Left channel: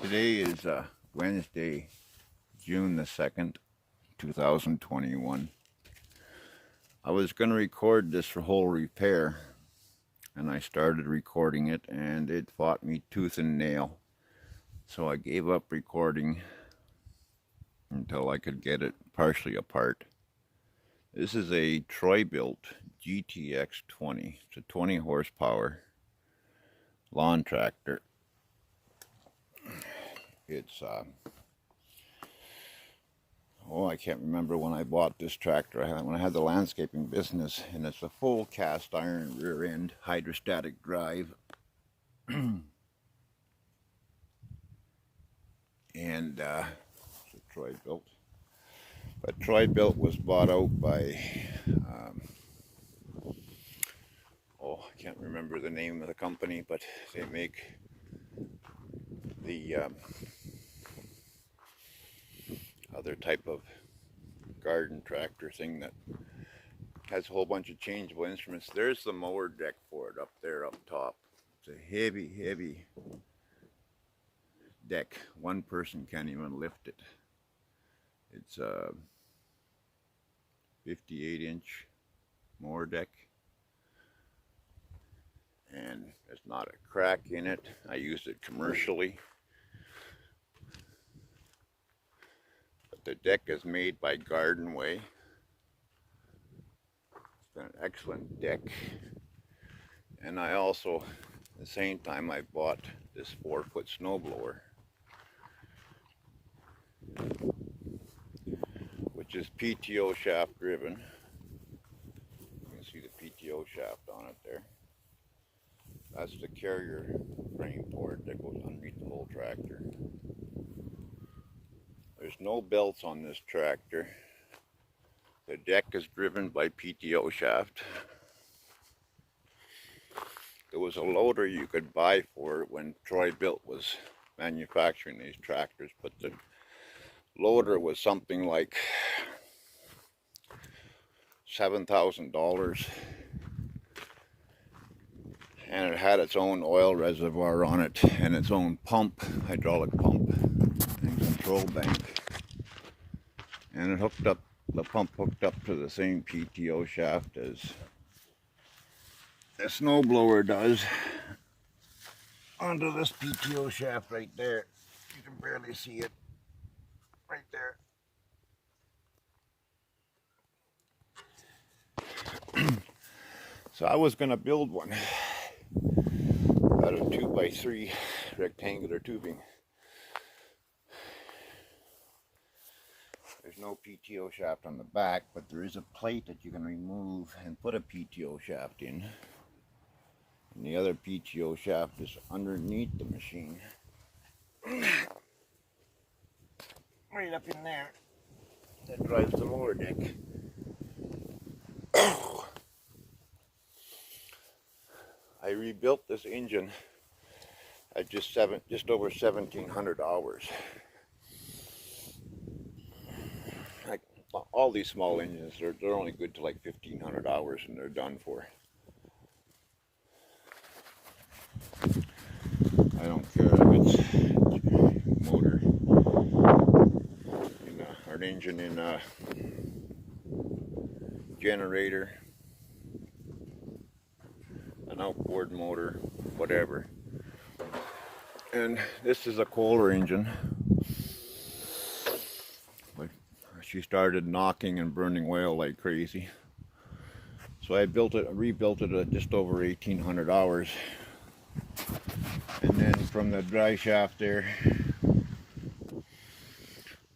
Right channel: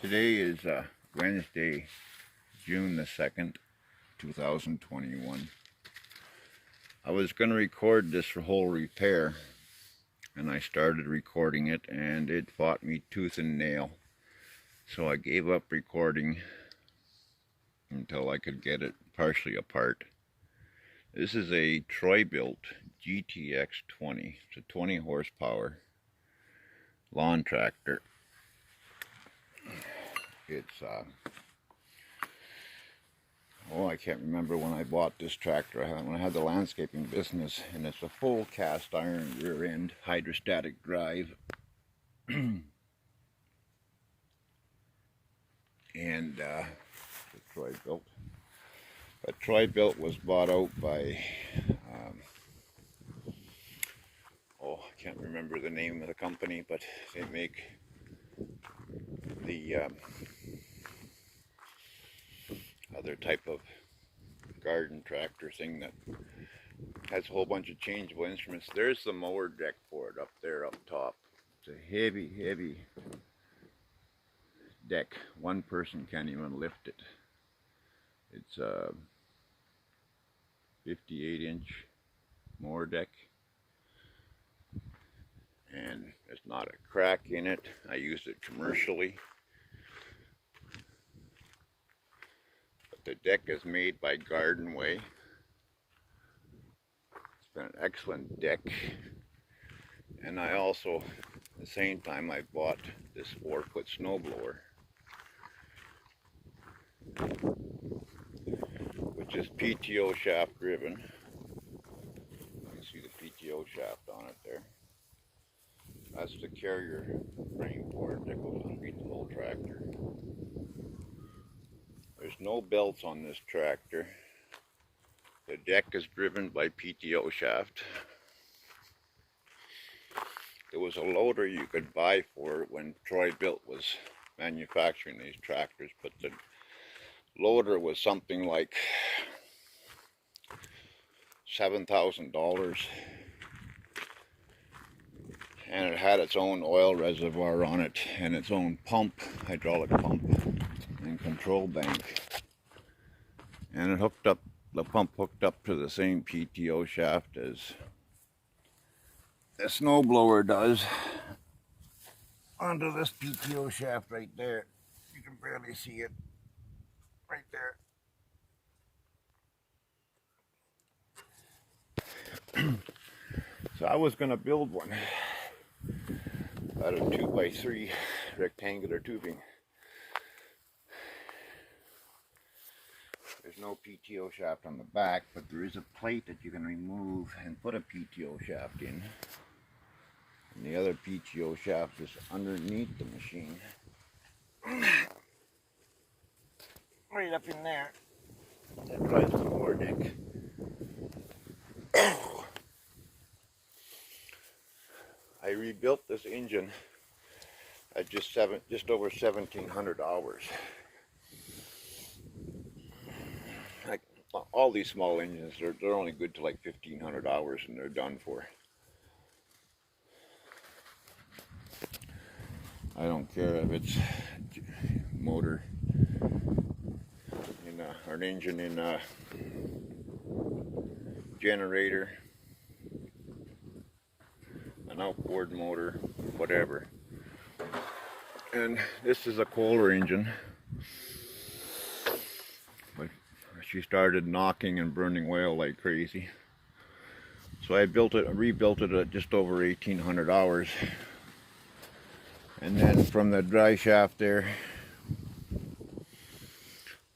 Today is Wednesday, June the 2nd, 2021. I was going to record this whole repair, and I started recording it, and it fought me tooth and nail. So I gave up recording until I could get it partially apart. This is a Troy-built GTX 20. It's a 20 horsepower lawn tractor. It's I can't remember when I bought this tractor. When I had the landscaping business, and it's a full cast iron rear end hydrostatic drive. And it's a Troy built. But Troy built was bought out by I can't remember the name of the company, but they make the other type of garden tractor thing that has a whole bunch of changeable instruments. There's the mower deck for it up there up top. It's a heavy deck. One person can't even lift it. It's a 58-inch mower deck, and there's not a crack in it. I use it commercially. The deck is made by Garden Way. It's been an excellent deck. And I also, at the same time, I bought this 4-foot snowblower, which is PTO shaft driven. You can see the PTO shaft on it there. That's the carrier frame for it that goes underneath the whole tractor. There's no belts on this tractor. The deck is driven by PTO shaft. There was a loader you could buy for it when Troy Built was manufacturing these tractors, but the loader was something like $7,000, and it had its own oil reservoir on it and its own pump, hydraulic pump, and control bank, and it hooked up, the pump hooked up to the same PTO shaft as the snowblower does, onto this PTO shaft right there. You can barely see it right there. So I was going to build one out of 2x3 rectangular tubing. There's no PTO shaft on the back, but there is a plate that you can remove and put a PTO shaft in. And the other PTO shaft is underneath the machine. Right up in there. That drives the mower deck. I rebuilt this engine at just over 1,700 hours. Like all these small engines, they're only good to like 1,500 hours, and they're done for. I don't care if it's motor in or an engine in a generator, an outboard motor, whatever. And this is a Kohler engine, but she started knocking and burning oil like crazy. So I rebuilt it at just over 1,800 hours. And then from the dry shaft there,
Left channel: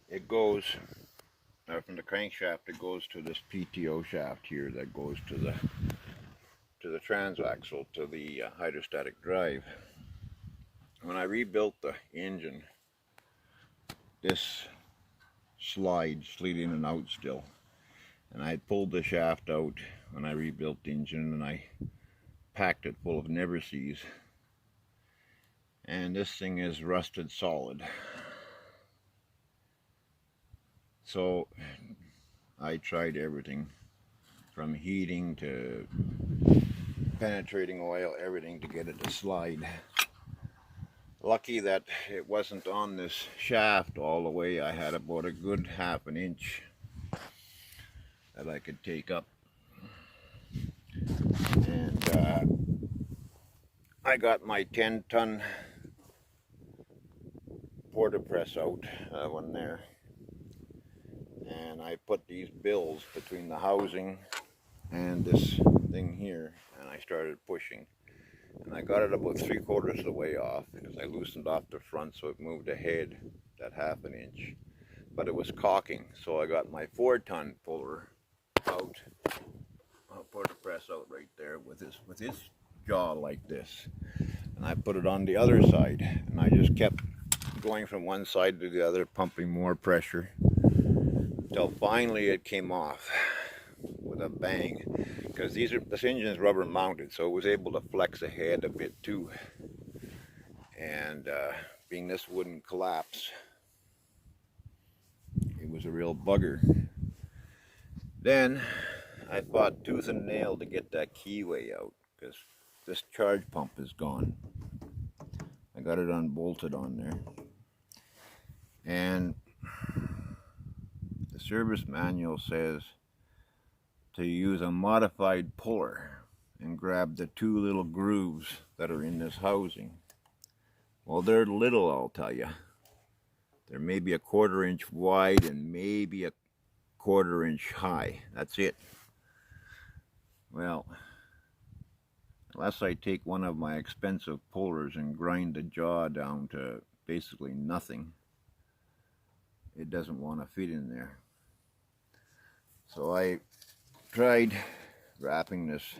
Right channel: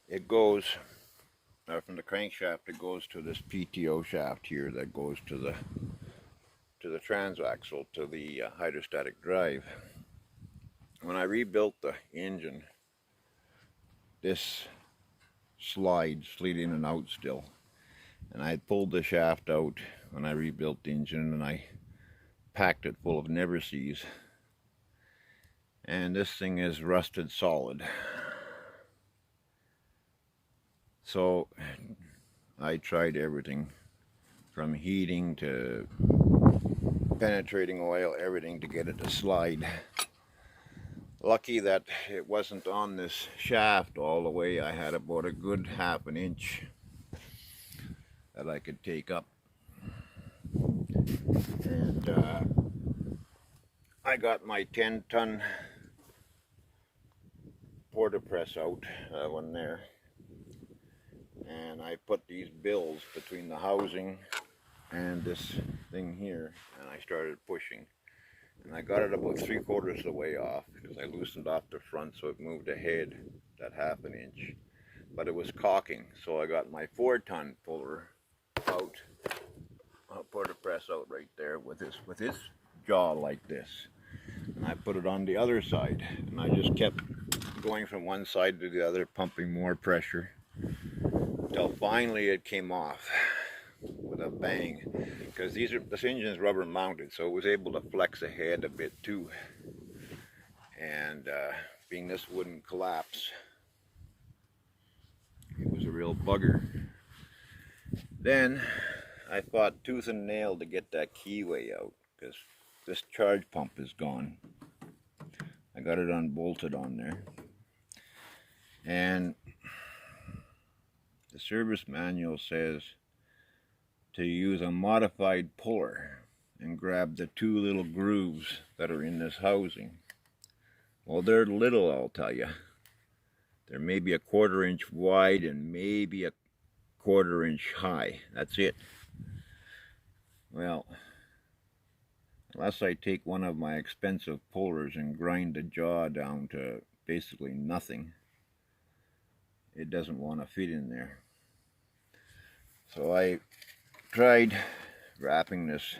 it goes, from the crankshaft, it goes to this PTO shaft here that goes to the transaxle, to the hydrostatic drive. When I rebuilt the engine, this slid in and out still, and I pulled the shaft out when I rebuilt the engine, and I packed it full of never-sees, and this thing is rusted solid. So I tried everything from heating to penetrating oil, everything to get it to slide. Lucky that it wasn't on this shaft all the way. I had about a good half an inch that I could take up. And I got my 10-ton porta press out, one there. And I put these bills between the housing and this thing here, and I started pushing. And I got it about 3/4 of the way off because I loosened off the front so it moved ahead that half an inch. But it was caulking, so I got my 4-ton puller out, porta press out right there with his jaw like this. And I put it on the other side, and I just kept going from one side to the other, pumping more pressure, until finally it came off with a bang. Because this engine is rubber mounted, so it was able to flex ahead a bit too. And being this wouldn't collapse, it was a real bugger. Then I fought tooth and nail to get that keyway out, because this charge pump is gone. I got it unbolted on there. And the service manual says to use a modified puller and grab the 2 little grooves that are in this housing. Well, they're little, I'll tell you. They're maybe a 1/4 inch wide and maybe a 1/4 inch high. That's it. Well, unless I take one of my expensive pullers and grind the jaw down to basically nothing, it doesn't want to fit in there. So I tried wrapping this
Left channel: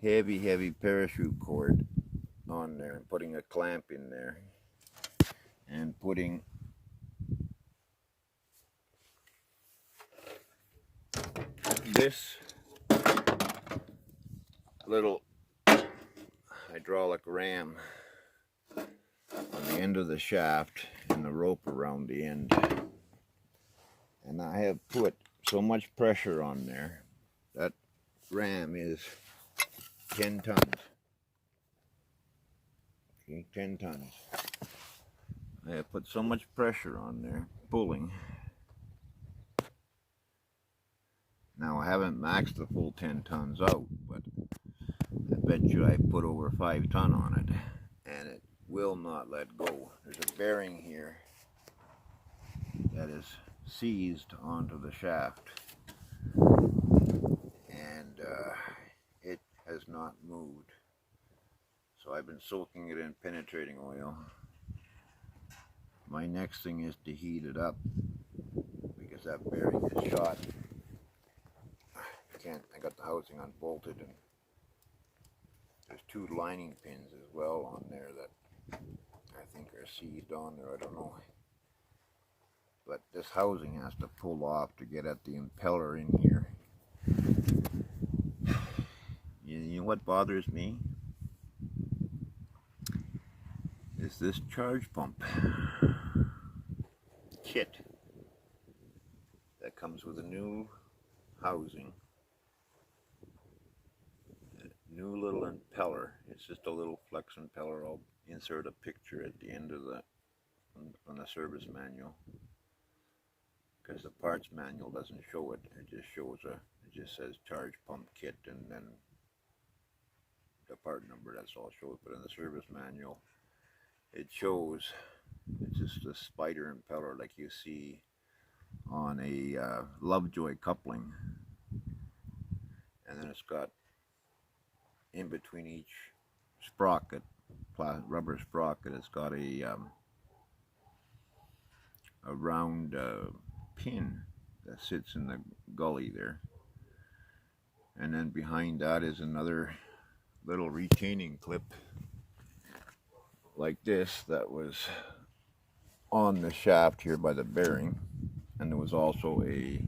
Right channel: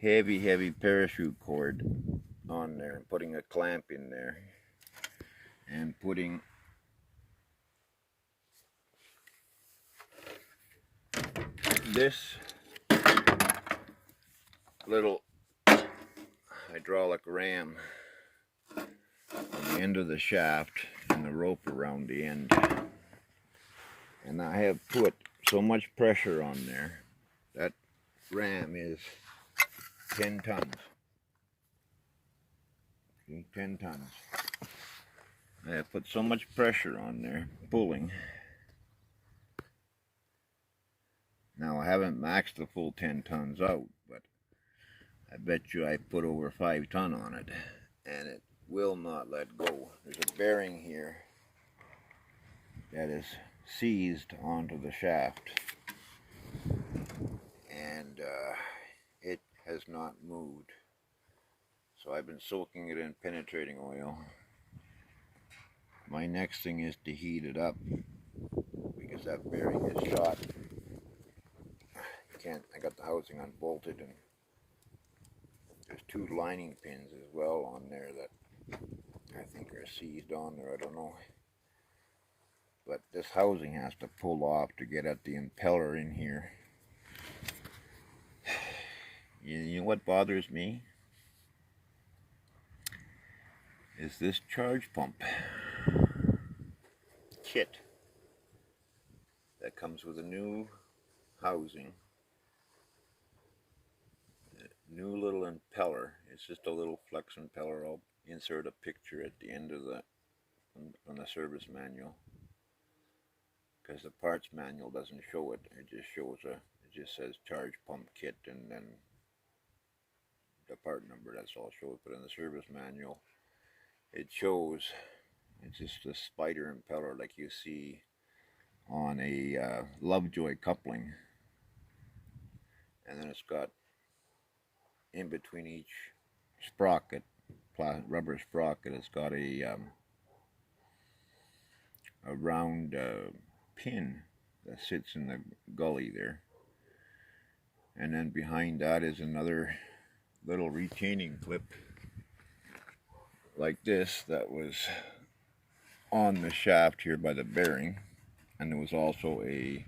heavy parachute cord on there and putting a clamp in there and putting this little hydraulic ram on the end of the shaft and the rope around the end. And I have put so much pressure on there. That ram is 10 tons. Okay, 10 tons. I have put so much pressure on there, pulling. Now I haven't maxed the full 10 tons out, but I bet you I put over 5 ton on it, and it will not let go. There's a bearing here that is seized onto the shaft, and it has not moved. So I've been soaking it in penetrating oil. My next thing is to heat it up, because that bearing is shot. I got the housing unbolted, and there's 2 lining pins as well on there that I think are seized on there, I don't know. But this housing has to pull off to get at the impeller in here. You know what bothers me? Is this charge pump kit that comes with a new housing, a new little impeller. It's just a little flex impeller. I'll insert a picture at the end of on the service manual, because the parts manual doesn't show it. It just shows it just says charge pump kit and then the part number. That's all it shows. But in the service manual, it shows it's just a spider impeller like you see on a Lovejoy coupling, and then it's got in between each sprocket, rubber sprocket, it's got a round pin that sits in the gully there, and then behind that is another little retaining clip like this that was on the shaft here by the bearing, and there was also a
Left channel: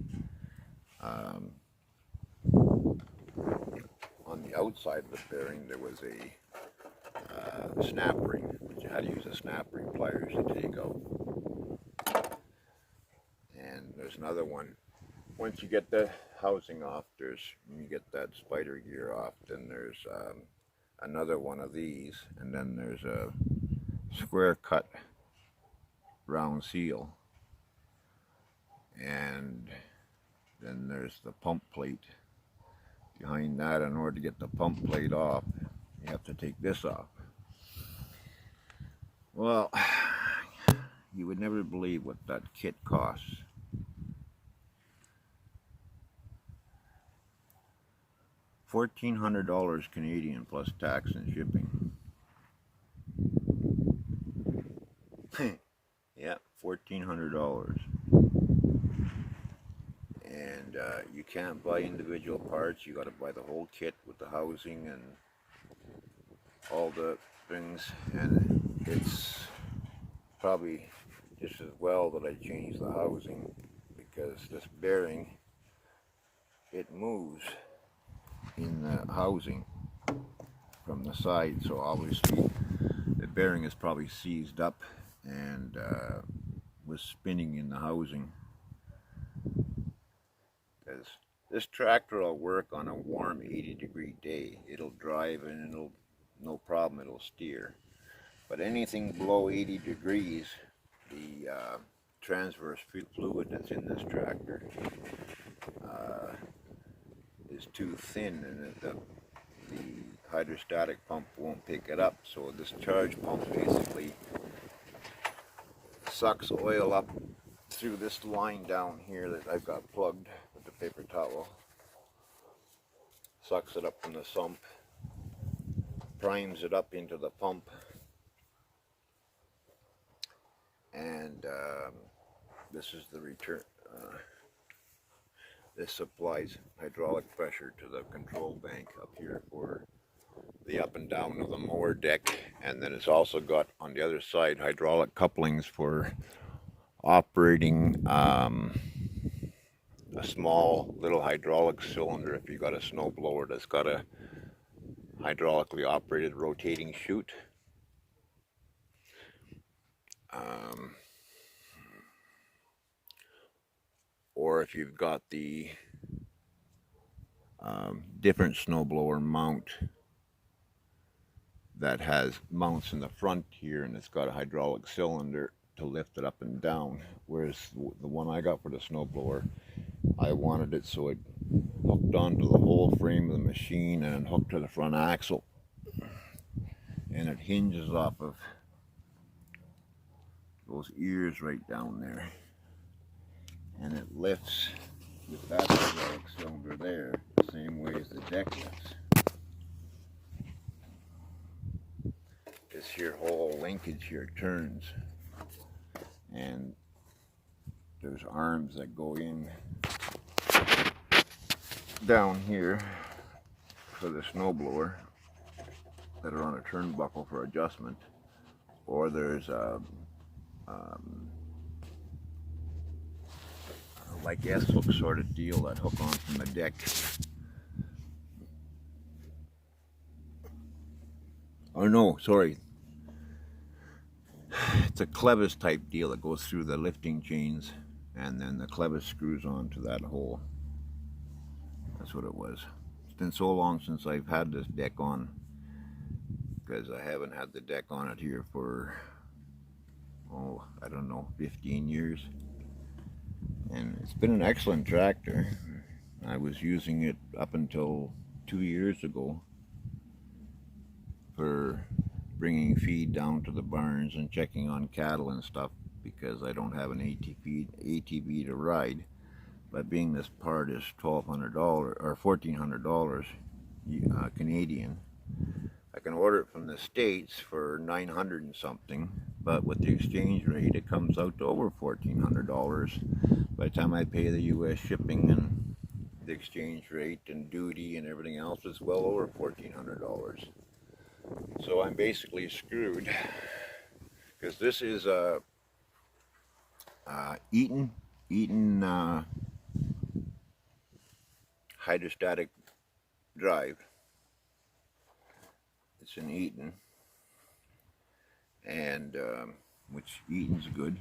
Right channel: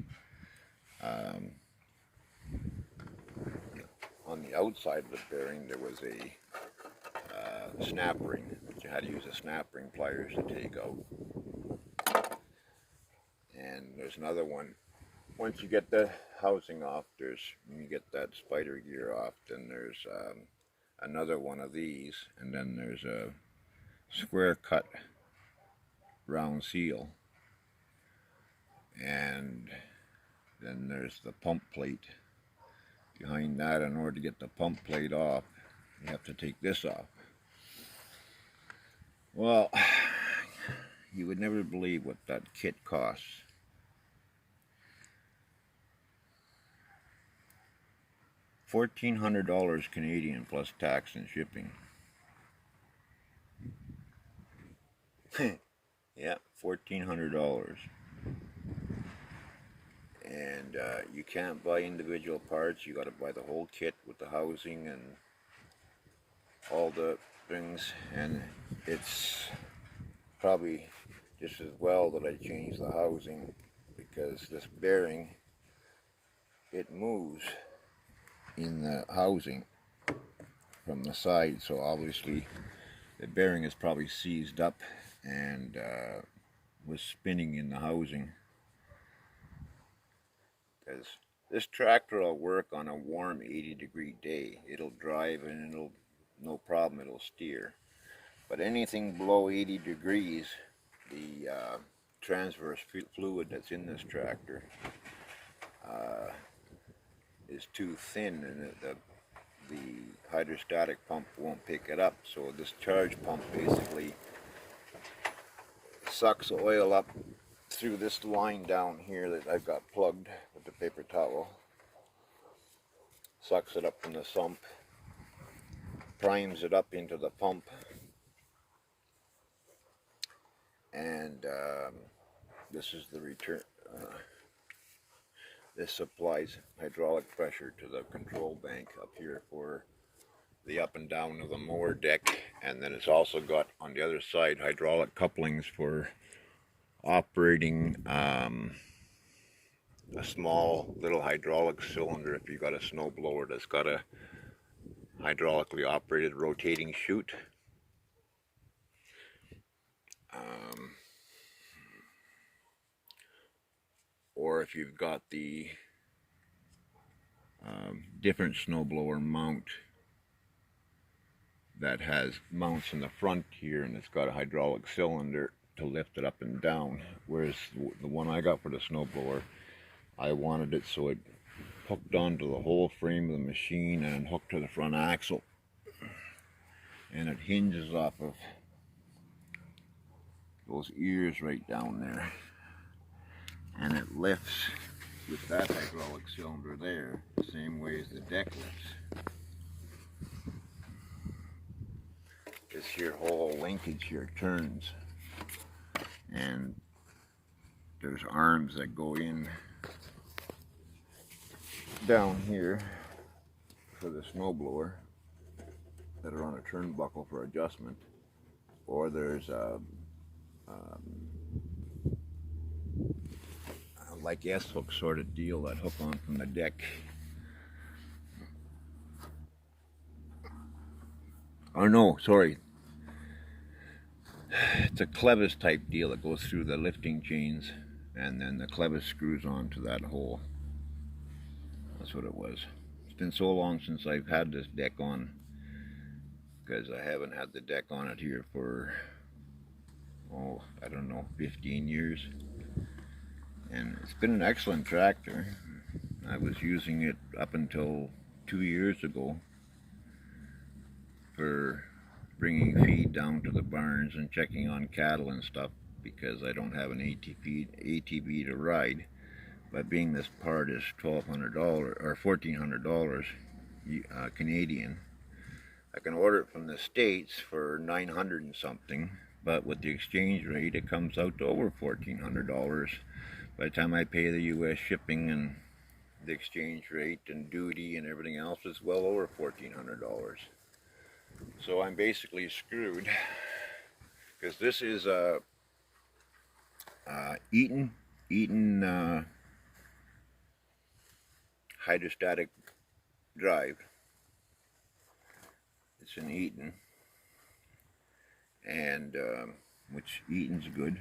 on the outside of the bearing there was a snap ring, but you had to use a snap ring pliers to take out. And there's another one. Once you get the housing off, when you get that spider gear off, then there's another one of these, and then there's square cut round seal, and then there's the pump plate behind that. In order to get the pump plate off, you have to take this off. Well, you would never believe what that kit costs. $1,400 Canadian plus tax and shipping. Yeah, $1,400. And you can't buy individual parts. You got to buy the whole kit with the housing and all the things. And it's probably just as well that I changed the housing, because this bearing, it moves in the housing from the side, so obviously the bearing is probably seized up and was spinning in the housing. Because this tractor will work on a warm 80-degree day. It'll drive and it'll, no problem, it'll steer. But anything below 80 degrees, the transverse fluid that's in this tractor is too thin, and the hydrostatic pump won't pick it up. So this charge pump basically sucks oil up through this line down here that I've got plugged with the paper towel. Sucks it up from the sump, primes it up into the pump, and this is the return. This supplies hydraulic pressure to the control bank up here for the up and down of the mower deck, and then it's also got on the other side hydraulic couplings for operating a small little hydraulic cylinder if you've got a snow blower that's got a hydraulically operated rotating chute. Or if you've got the different snowblower mount that has mounts in the front here, and it's got a hydraulic cylinder to lift it up and down, whereas the one I got for the snowblower, I wanted it so it hooked onto the whole frame of the machine and hooked to the front axle, and it hinges off of those ears right down there, and it lifts with that hydraulic cylinder there the same way as the deck lifts. This here whole linkage here turns, and there's arms that go in down here for the snowblower that are on a turnbuckle for adjustment, or there's a like S-hook sort of deal that hook on from the deck. Oh no, sorry. It's a clevis type deal that goes through the lifting chains, and then the clevis screws onto that hole. That's what it was. It's been so long since I've had this deck on, because I haven't had the deck on it here for, oh, I don't know, 15 years. And it's been an excellent tractor. I was using it up until 2 years ago for bringing feed down to the barns and checking on cattle and stuff, because I don't have an ATV to ride. But being this part is $1,200 or $1,400 Canadian, I can order it from the States for $900 and something, but with the exchange rate it comes out to over $1,400. By the time I pay the US shipping and the exchange rate and duty and everything else, it's well over $1,400. So I'm basically screwed, because this is a Eaton hydrostatic drive. It's an Eaton, and which Eaton's good.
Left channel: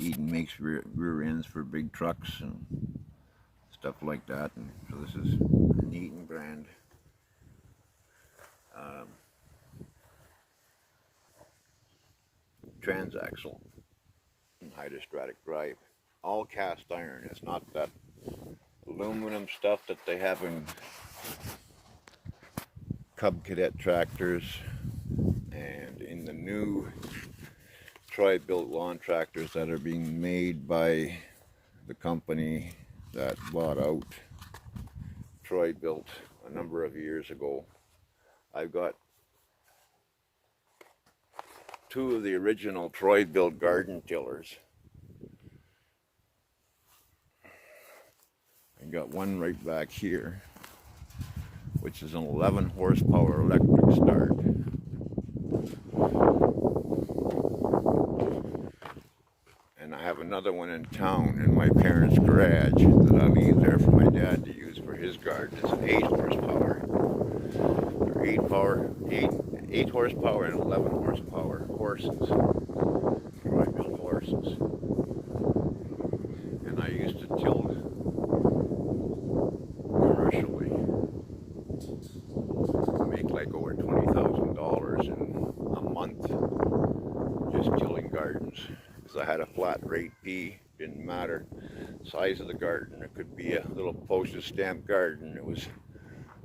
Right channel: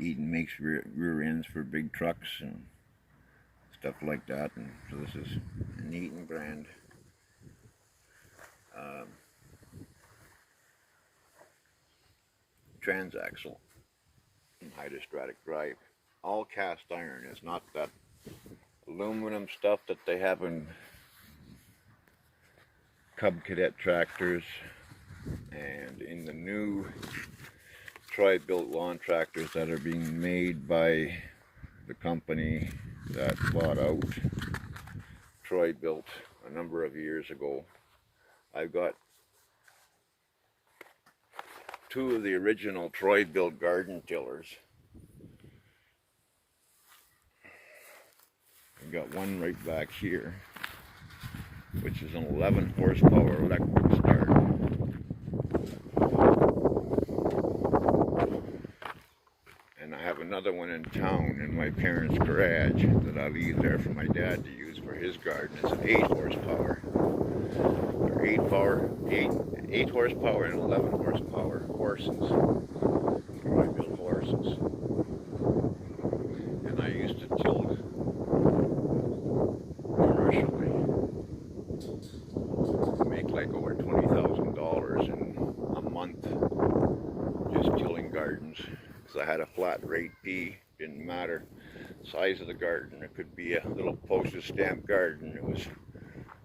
Eaton makes rear ends for big trucks and stuff like that, and so this is an Eaton brand. transaxle and hydrostatic drive. All cast iron. It's not that aluminum stuff that they have in Cub Cadet tractors and in the new Troy-built lawn tractors that are being made by the company that bought out Troy-built a number of years ago. I've got two of the original Troy-built garden tillers. I've got one right back here, which is an 11 horsepower electric start. And I have another one in town in my parents' garage that I leave there for my dad to use for his garden. It's an 8 horsepower. They're 8 horsepower and 11 horsepower horses. Troy-built horses. And I used to till commercially. Make like over $20,000 in a month just tilling gardens. Because I had a flat rate fee, didn't matter size of the garden. It could be a little postage stamp garden. It was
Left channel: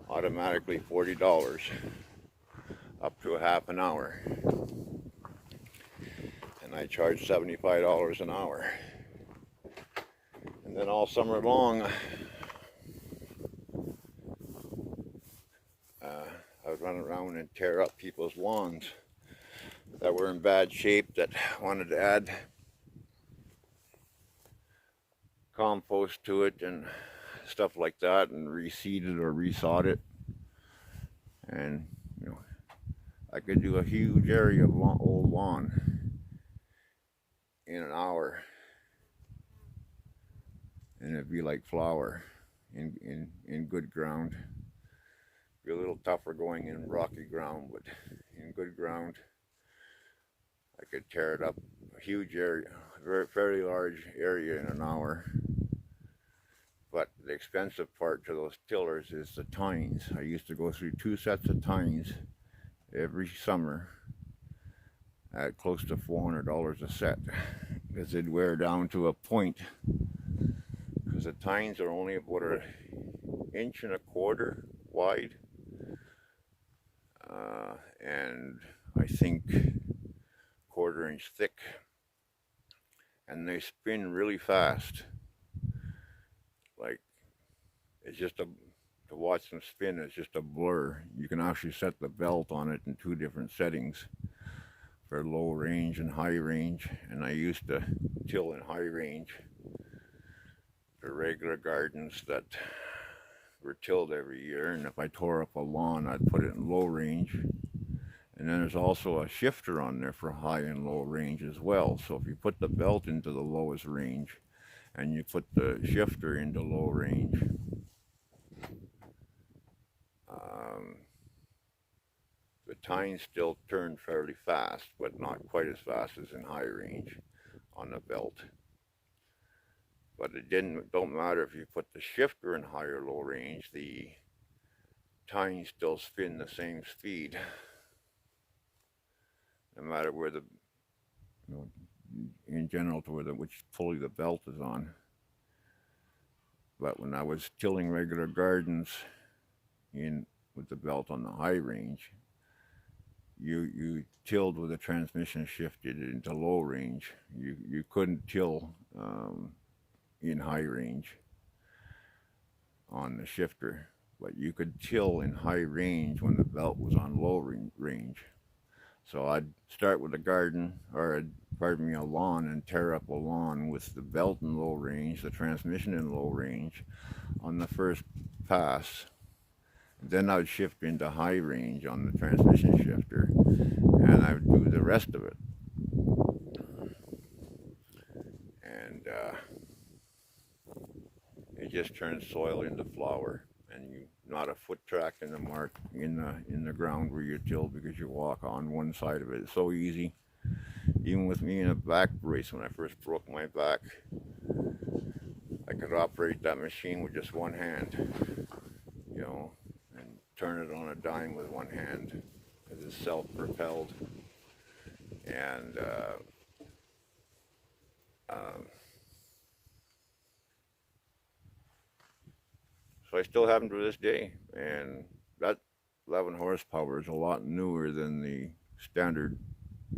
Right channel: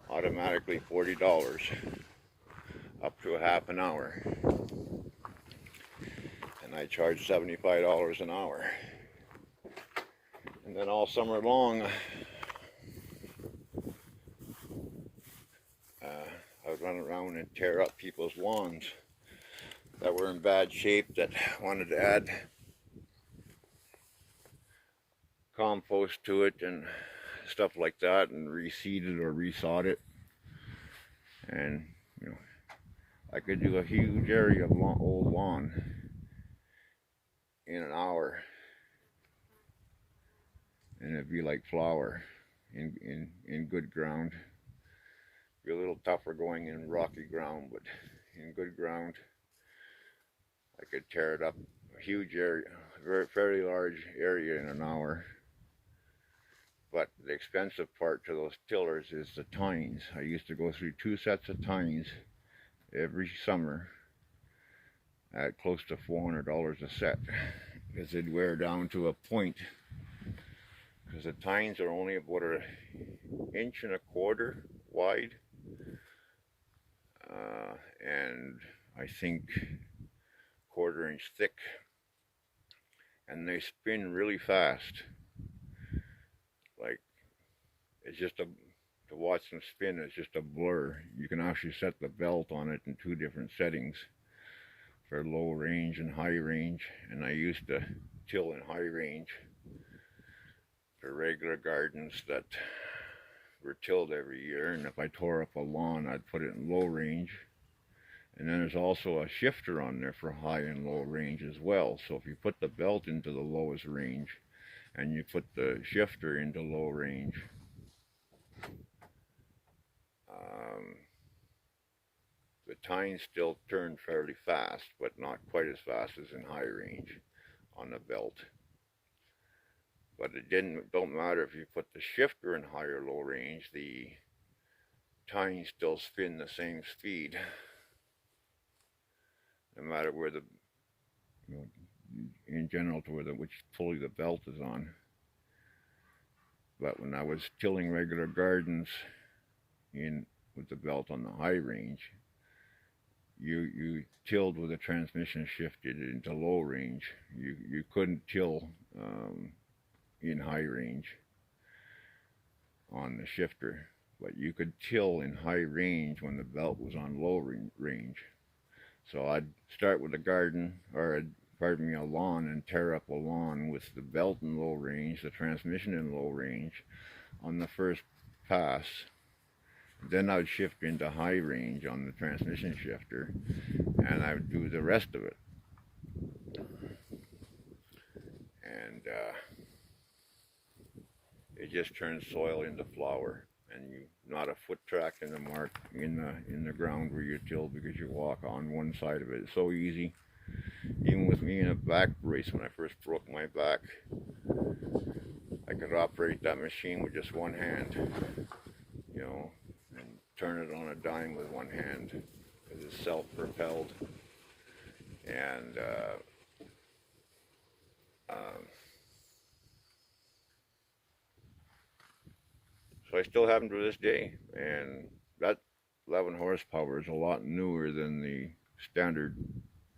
automatically $40 up to a half an hour. And I charged $75 an hour. And then all summer long, I would run around and tear up people's lawns that were in bad shape, that wanted to add compost to it and stuff like that, and reseed it or resod it. And you know, I could do a huge area of old lawn in an hour, and it'd be like flour in good ground. Be a little tougher going in rocky ground, but in good ground I could tear it up a huge area, fairly large area in an hour. But the expensive part to those tillers is the tines. I used to go through 2 sets of tines every summer at close to $400 a set, because they'd wear down to a point, because the tines are only about an 1.25 inches wide, and I think 1/4 inch thick, and they spin really fast. Like, it's just to watch them spin is just a blur. You can actually set the belt on it in 2 different settings for low range and high range, and I used to till in high range for regular gardens that were tilled every year, and if I tore up a lawn, I'd put it in low range. And then there's also a shifter on there for high and low range as well. So if you put the belt into the lowest range and you put the shifter into low range, the tines still turn fairly fast, but not quite as fast as in high range on the belt. But it don't matter if you put the shifter in high or low range, the tines still spin the same speed, no matter where the, in general, to which pulley the belt is on. But when I was tilling regular gardens with the belt on the high range, you tilled with the transmission shifted into low range. You couldn't till in high range on the shifter, but you could till in high range when the belt was on low range. So I'd start with a garden, or a lawn, and tear up a lawn with the belt in low range, the transmission in low range on the first pass. Then I'd shift into high range on the transmission shifter, and I would do the rest of it. And it just turns soil into flour, and not a foot track in the mark in the ground where you till, because you walk on one side of it. It's so easy. Even with me in a back brace, when I first broke my back, I could operate that machine with just one hand, you know, and turn it on a dime with one hand, because it's self-propelled. And so I still have them to this day. And that 11 horsepower is a lot newer than the standard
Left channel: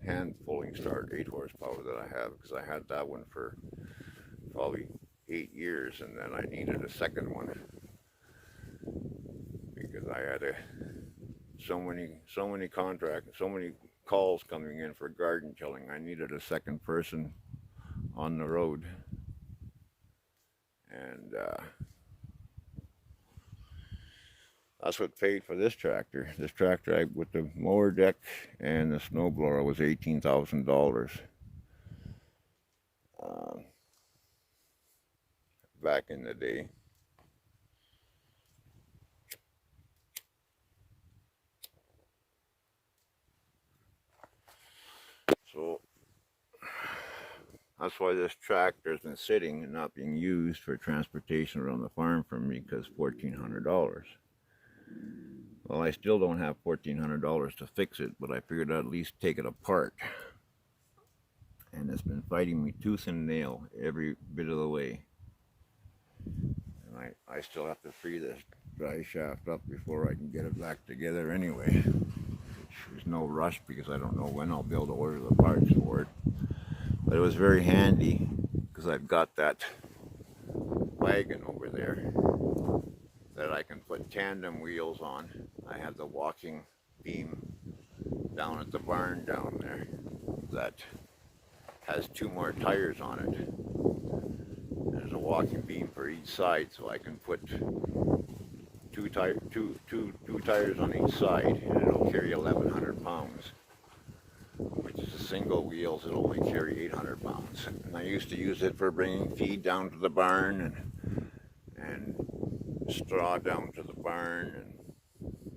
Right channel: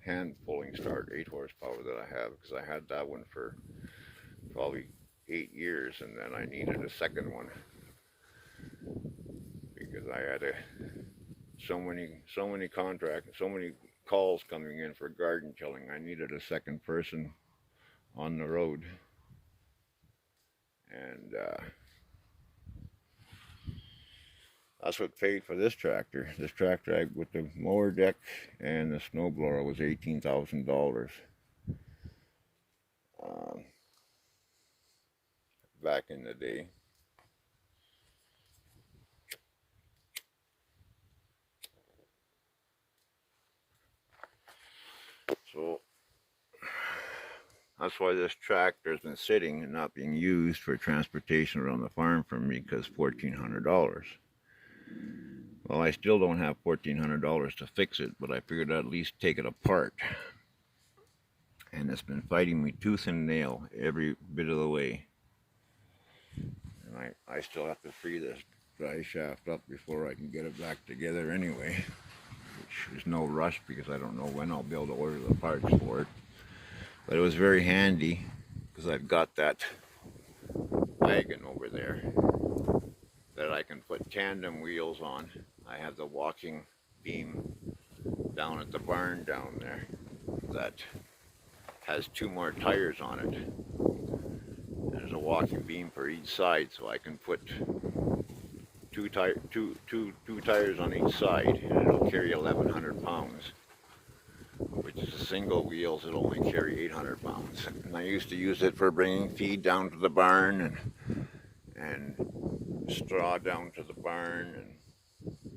hand pulling start 8 horsepower that I have, because I had that one for probably 8 years, and then I needed a second one because I had so many contracts, so many calls coming in for garden tilling. I needed a second person on the road, and that's what paid for this tractor. This tractor, with the mower deck and the snowblower, was $18,000 back in the day. So that's why this tractor has been sitting and not being used for transportation around the farm for me, because $1,400. Well, I still don't have $1,400 to fix it, but I figured I'd at least take it apart. And it's been fighting me tooth and nail every bit of the way. And I still have to free this dry shaft up before I can get it back together anyway. There's no rush because I don't know when I'll be able to order the parts for it. But it was very handy because I've got that wagon over there that I can put tandem wheels on. I have the walking beam down at the barn down there that has 2 more tires on it. There's a walking beam for each side, so I can put two tires on each side, and it'll carry 1,100 pounds. Which is a single wheels, it'll only carry 800 pounds. And I used to use it for bringing feed down to the barn, and straw down to the barn, and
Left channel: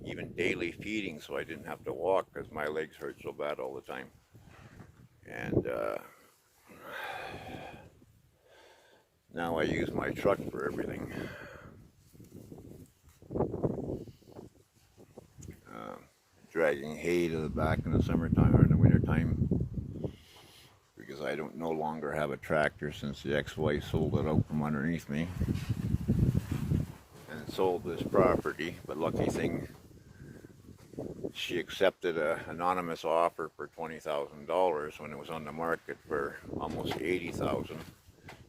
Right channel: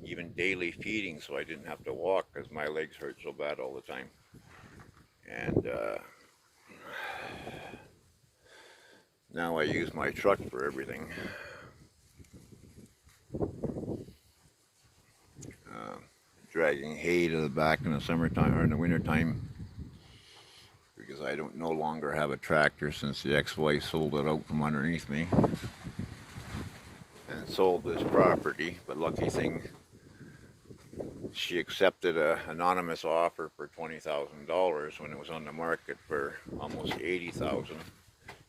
even daily feeding, so I didn't have to walk because my legs hurt so bad all the time. And now I use my truck for everything. Dragging hay to the back in the summertime or in the wintertime, because I don't no longer have a tractor since the ex-wife sold it out from underneath me and sold this property. But lucky thing, she accepted an anonymous offer for $20,000 when it was on the market for almost $80,000.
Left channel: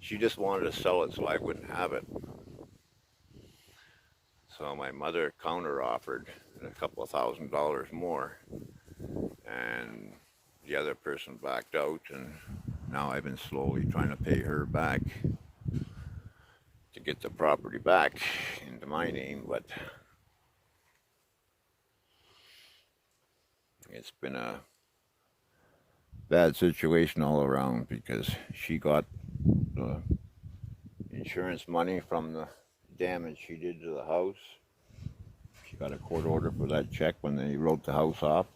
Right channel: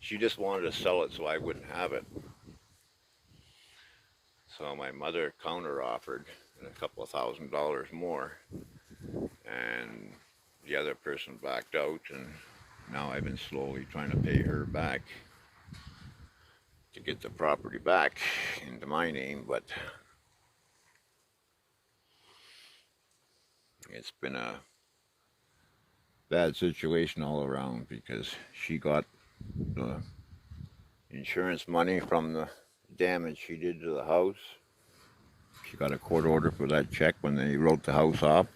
She just wanted to sell it so I wouldn't have it. So my mother counter-offered a couple of $1,000s more, and the other person backed out, and now I've been slowly trying to pay her back to get the property back into my name. But it's been a bad situation all around, because she got the insurance money from the damage she did to the house. She got a court order for that check when they wrote the house off.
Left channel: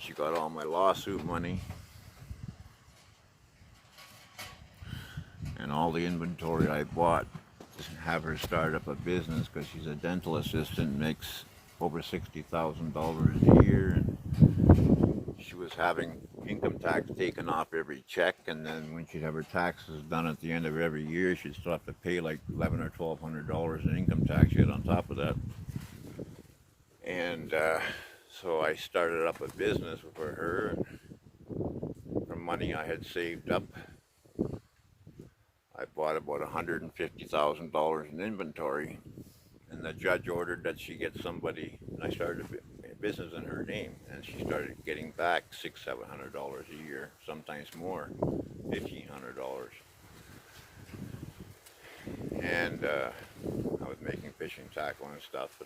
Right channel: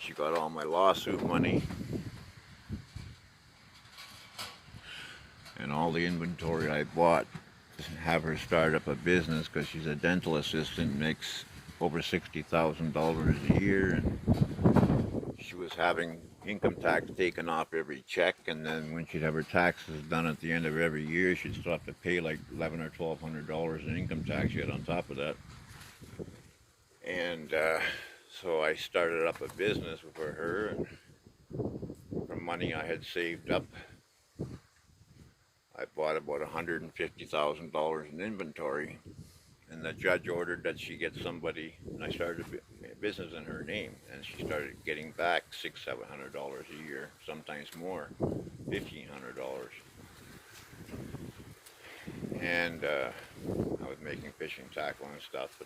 She got all my lawsuit money and all the inventory I bought to have her start up a business, because she's a dental assistant, makes over $60,000 a year, and she was having income tax taken off every check, and then when she'd have her taxes done at the end of every year, she'd still have to pay like $1,100 or $1,200 in income tax yet on top of that. And so I started up a business for her, and from money I had saved up, I bought about $150,000 in inventory, and the judge ordered that she get somebody, and I started a business in her name, and she started getting back $600-700 a year, sometimes more, $1,500. And I was making fishing tackle and stuff,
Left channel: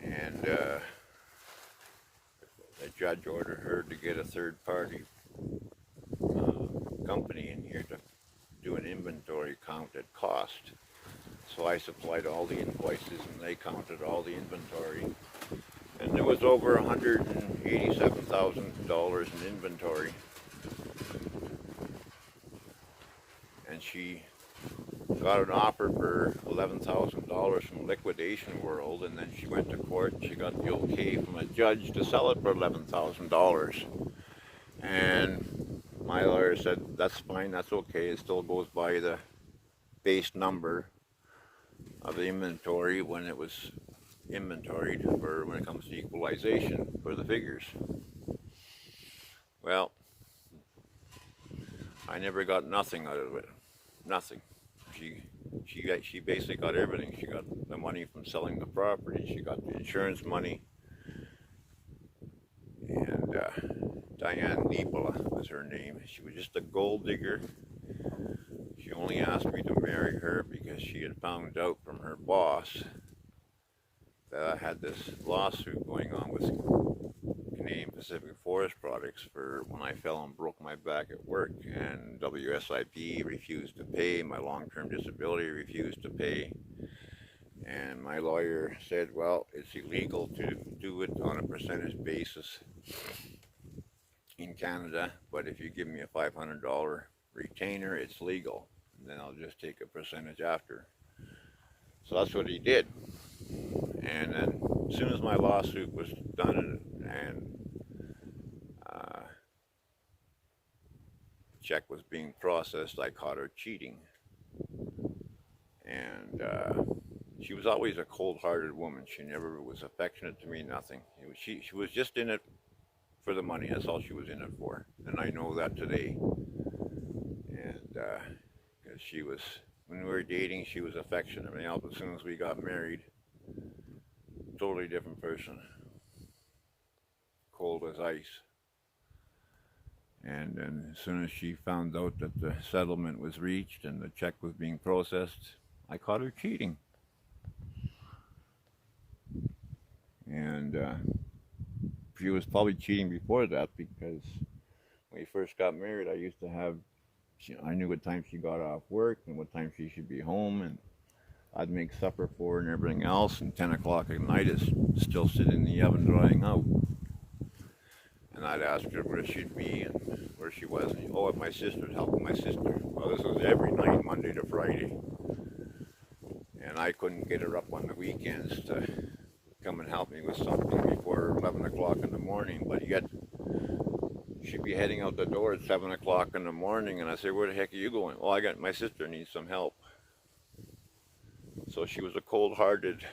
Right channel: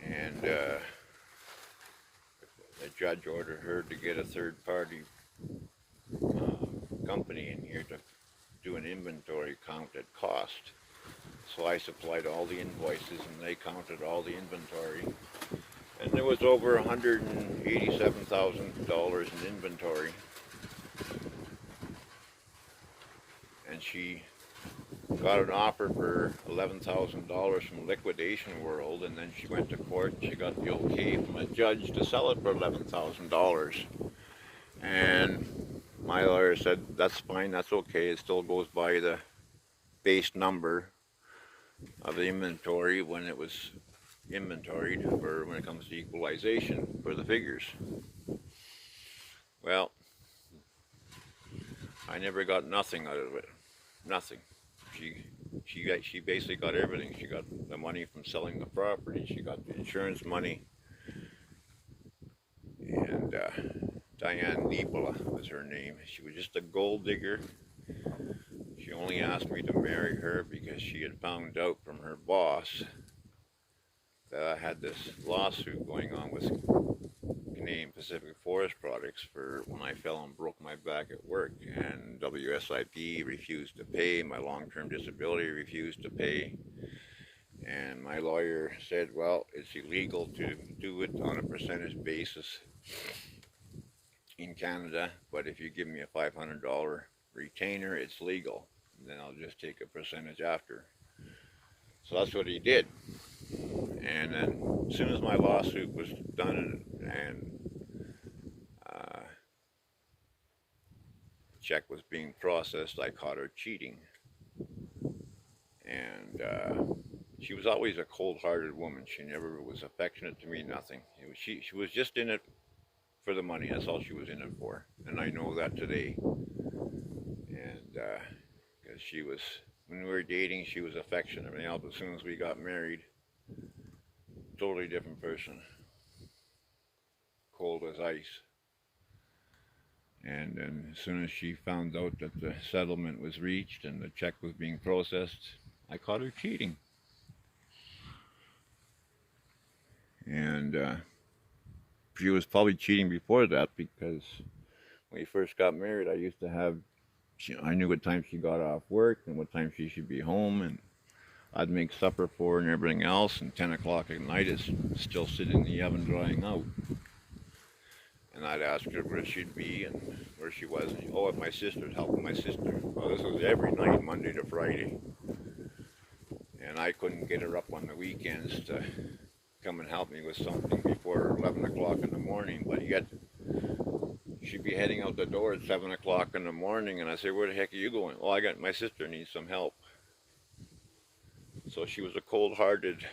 and the judge ordered her to get a third-party company in here to do an inventory count at cost. So I supplied all the invoices, and they counted all the inventory. And there was over $187,000 in inventory. And she got an offer for $11,000 from Liquidation World, and then she went to court and she got the okay from a judge to sell it for $11,000. And my lawyer said, that's fine, that's okay, it still goes by the base number of the inventory when it was inventoried, or when it comes to equalization for the figures. Well, I never got nothing out of it. Nothing. She basically got everything. She got the money from selling the property. She got the insurance money. And Diane Niebola was her name. She was just a gold digger. She only asked me to marry her because she had found out from her boss that I had this lawsuit going on with Canadian Pacific Forest Products for when I fell and broke my back at work, and WSIP refused to pay, my long-term disability refused to pay, and my lawyer said, well, it's illegal to do it on a percentage basis in Canada, but if you give me a $500 retainer, it's legal, and then I'll just take a percentage after. So that's what he did. And then as soon as my lawsuit was done and check was being processed, I caught her cheating. And she was always a cold-hearted woman. She never was affectionate to me, nothing. She was just in it for the money. That's all she was in it for. And I know that today. And because she was, when we were dating, she was affectionate. Everything else, as soon as we got married, totally different person. Cold as ice. And then as soon as she found out that the settlement was reached and the check was being processed, I caught her cheating. And she was probably cheating before that, because when we first got married, I used to have, I knew what time she got off work and what time she should be home, and I'd make supper for her and everything else, and 10 o'clock at night is still sitting in the oven drying out. And I'd ask her where she'd be and where she was. And, oh, at my sister's, helping my sister. Well, this was every night, Monday to Friday. And I couldn't get her up on the weekends to come and help me with something before 11 o'clock in the morning. But yet, she'd be heading out the door at 7 o'clock in the morning. And I said, where the heck are you going? Well, my sister needs some help. So she was a cold-hearted,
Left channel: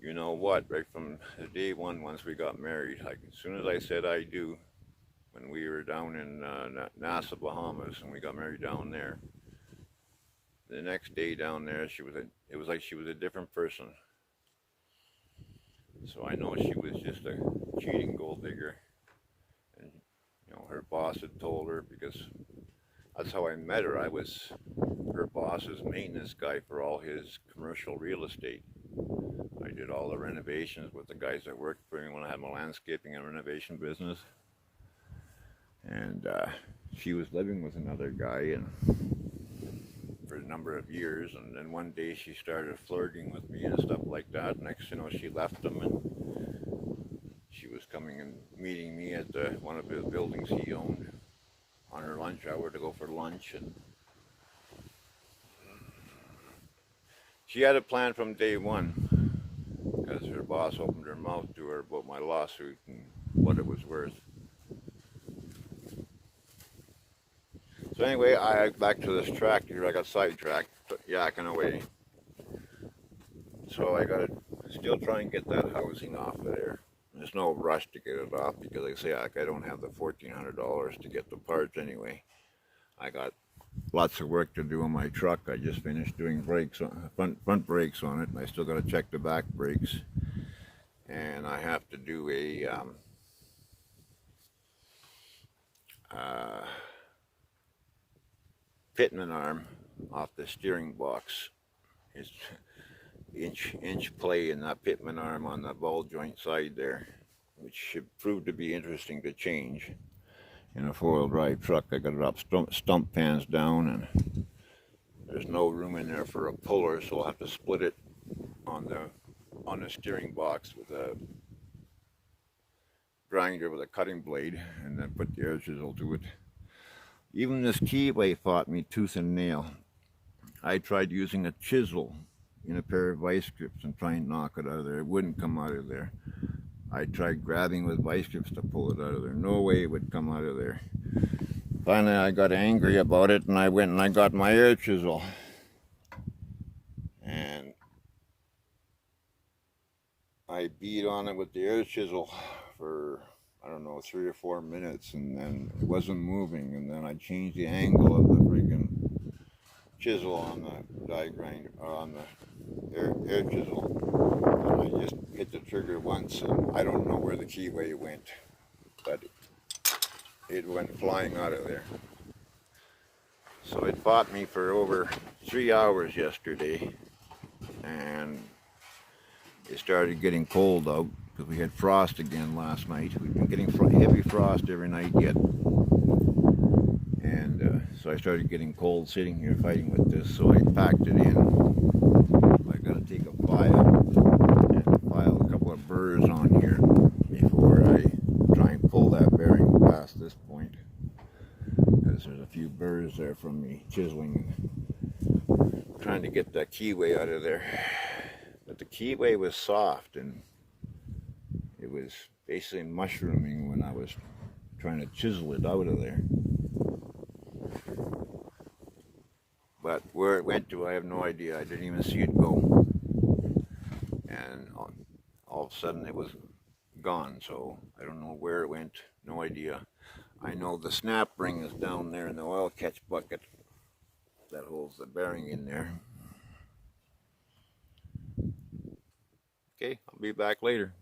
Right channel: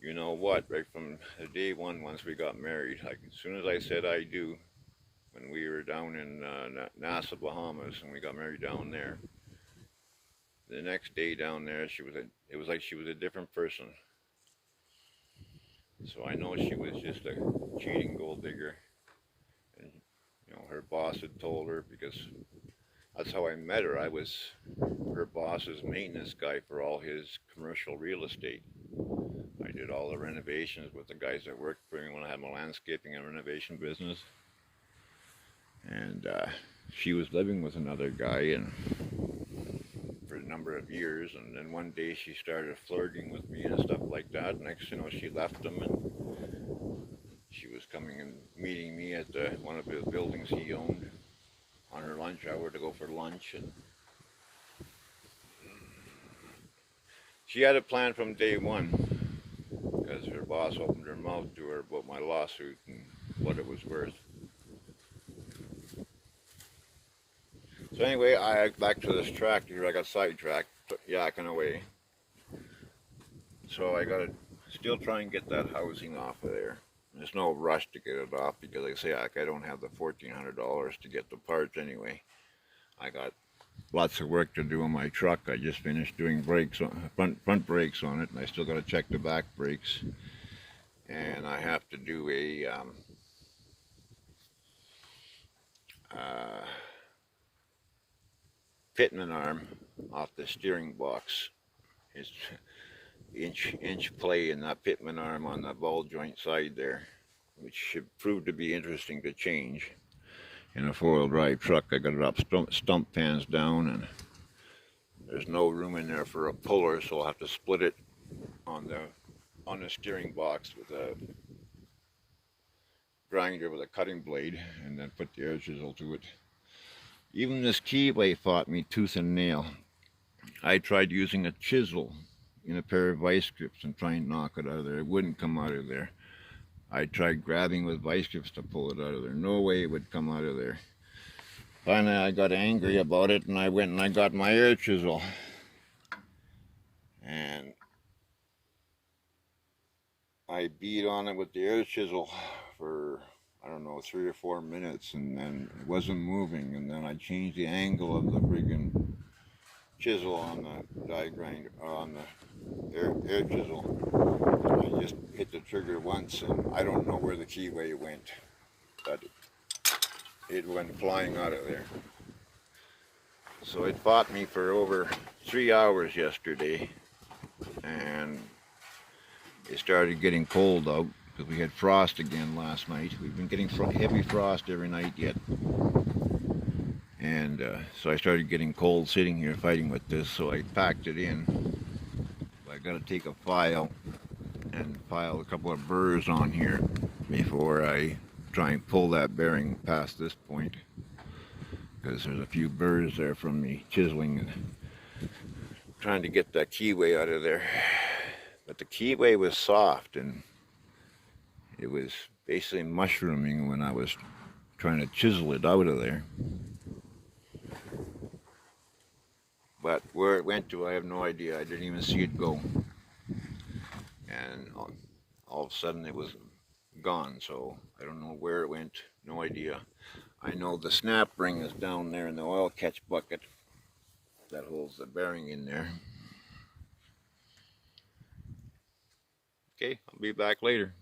you know what, right from the day one, once we got married. Like, as soon as I said I do, when we were down in Nassau, Bahamas, and we got married down there, the next day down there, it was like she was a different person. So I know she was just a cheating gold digger. And, you know, her boss had told her, because that's how I met her. I was her boss's maintenance guy for all his commercial real estate. I did all the renovations with the guys that worked for me when I had my landscaping and renovation business. And she was living with another guy and for a number of years, and then one day she started flirting with me and stuff like that. Next, you know, she left him, and she was coming and meeting me at one of the buildings he owned on her lunch hour to go for lunch. And she had a plan from day one, because her boss opened her mouth to her about my lawsuit and what it was worth. So anyway, back to this tractor. I got sidetracked, yakking away. So I got to still try and get that housing off of there. There's no rush to get it off, because like I say, I don't have the $1,400 to get the parts anyway. I got lots of work to do on my truck. I just finished doing brakes on front brakes on it, and I still got to check the back brakes. And I have to do a pitman arm off the steering box. It's inch play in that pitman arm on the ball joint side there, which should prove to be interesting to change. In a four-wheel drive truck, I got it up stump pans down, and there's no room in there for a puller, so I'll have to split it on the steering box with a grinder with a cutting blade, and then put the air chisel to it. Even this keyway fought me tooth and nail. I tried using a chisel in a pair of vice grips and trying to knock it out of there. It wouldn't come out of there. I tried grabbing with vice grips to pull it out of there. No way it would come out of there. Finally, I got angry about it, and I went and I got my air chisel. And I beat on it with the air chisel for, I don't know, 3 or 4 minutes, and then it wasn't moving. And then I changed the angle of the friggin' chisel on the die grinder, on the air chisel. And I just hit the trigger once, and I don't know where the keyway went, but it went flying out of there. So it fought me for over 3 hours yesterday, and it started getting cold out because we had frost again last night. We've been getting heavy frost every night yet. And so I started getting cold sitting here fighting with this, so I packed it in. I got to take a file and file a couple of burrs on here before I try and pull that bearing past this point, because there's a few burrs there from me chiseling and trying to get that keyway out of there. But the keyway was soft, and it was basically mushrooming when I was trying to chisel it out of there. But where it went to, I have no idea. I didn't even see it go. And all of a sudden it was gone, so I don't know where it went, no idea. I know the snap ring is down there in the oil catch bucket that holds the bearing in there. Okay, I'll be back later.